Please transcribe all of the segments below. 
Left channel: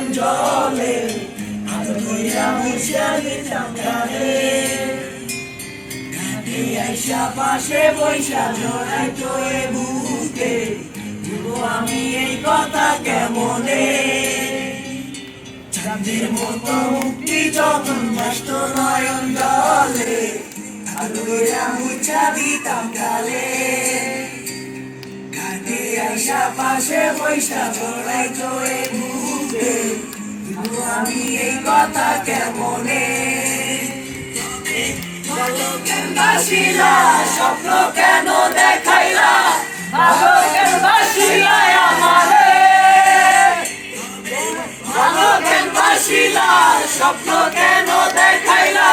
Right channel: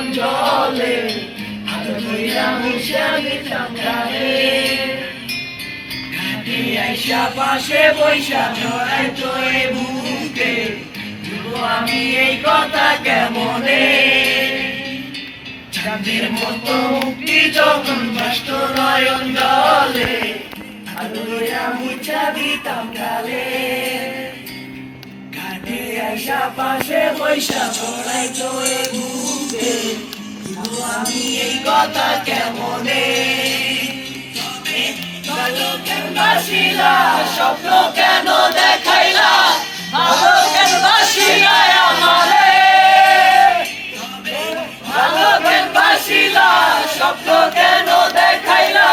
নয়ন জলে আলো কইরা মুছে দিতাম গালে ঘাটে আইসা পাশে বৈশা জড়াইতো এ বুকে বলবো আমি এই কথা কেমনে চাঁদের মতো মুক্তি যখন ভাসত নয়ন জলে আলো কইরা মুছে দিতাম গালে ঘাটে আইসা পাশে বৈশা জড়াইতো এ বুকে বলবো আমি এই কথা কেমনে ভালো কেন বাসিলা স্বপ্ন কেন দেখাইলা ভালো কেন বাসিলা আমারে ভালো কেন বাসিলা স্বপ্ন কেন দেখাইলা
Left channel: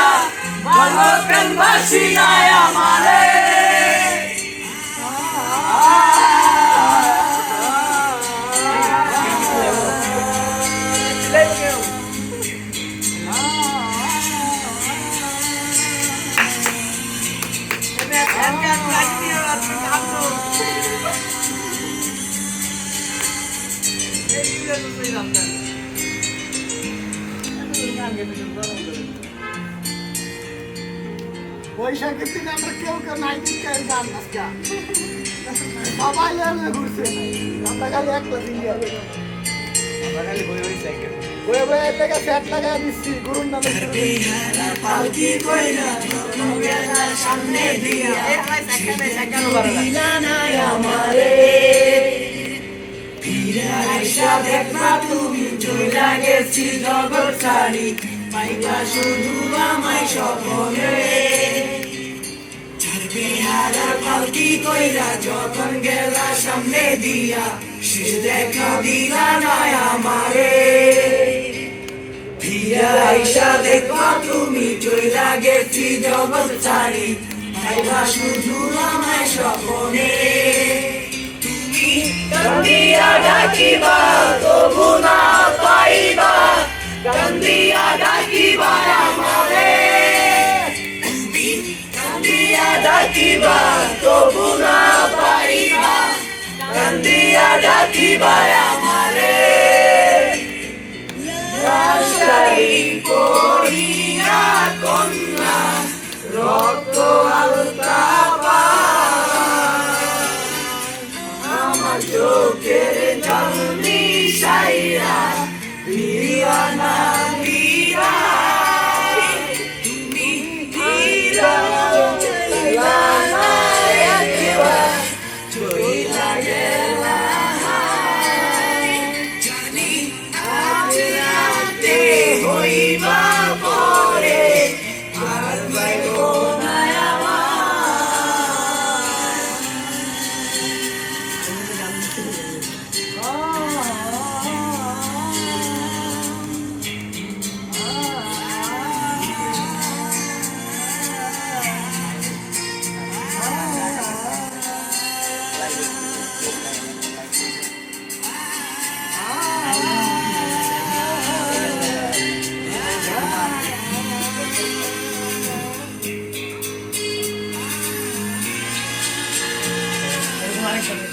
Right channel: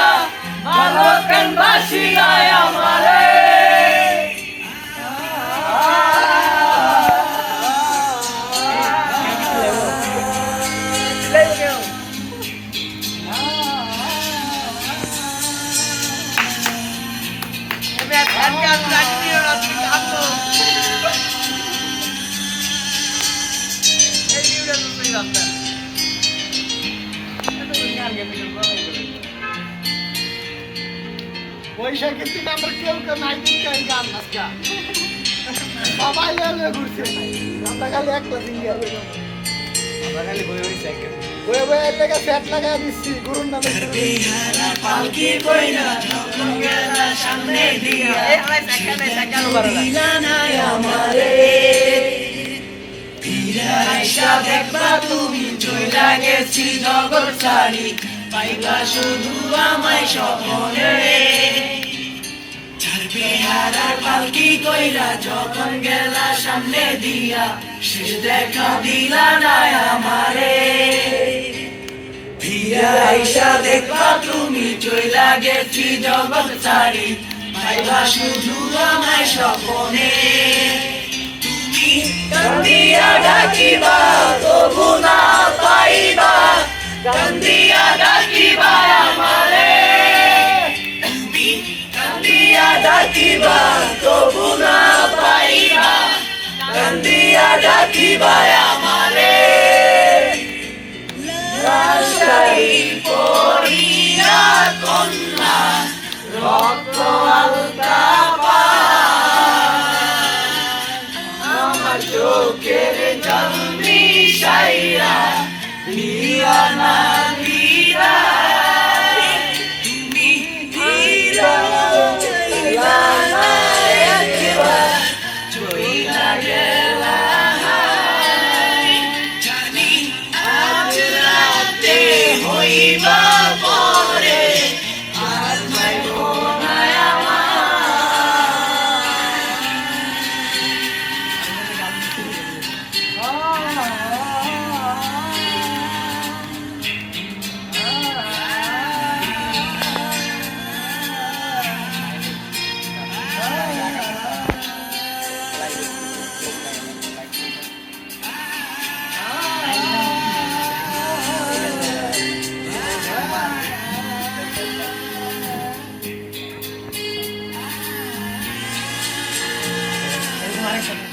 ভালো কেন বাসিলা আমারে বৈশাখের দিন আমরা কেউ নাই দিকে গান নাচা সবাই ঘুরছে আমরা খালি এক দিন আমরা খালি বয়ে বয়ে থেকে 60 টাকা দিচ্ছি গুরুর নামে পালকি কইরা যখন গেলা সামনে দিয়া দিলা না আমারে ফিরে আইসা দেখবা তুমি চইলা গেছি জগৎ ছাড়ি পাইবা শুধু আমায় স্বপ্নে ছাড়বে হারার পালকি কইরা যখন গেলা সামনে দিয়া শেষ দেখা দিলা না আমারে ফিরে আইসা দেখবা তুমি চইলা গেছি জগৎ ছাড়ি পাইবা শুধু আমায় স্বপ্নে তুমি কান্দিয়া ডাকিবা তবু না পাইবা কান্দিয়া ডাকিবা আমারে তুমি কান্দিয়া ডাকিবা তবু না পাইবা কান্দিয়া ডাকিবা আমারে রাজশাহী পড়িয়া কন্যা রক্ত আলতা আমার চোখের জল মিশাইয়া দিওয়ানা দিরা তুমি চইলা গেলা জানি আজ রাতে হইবা পরে আর পাইব না আমার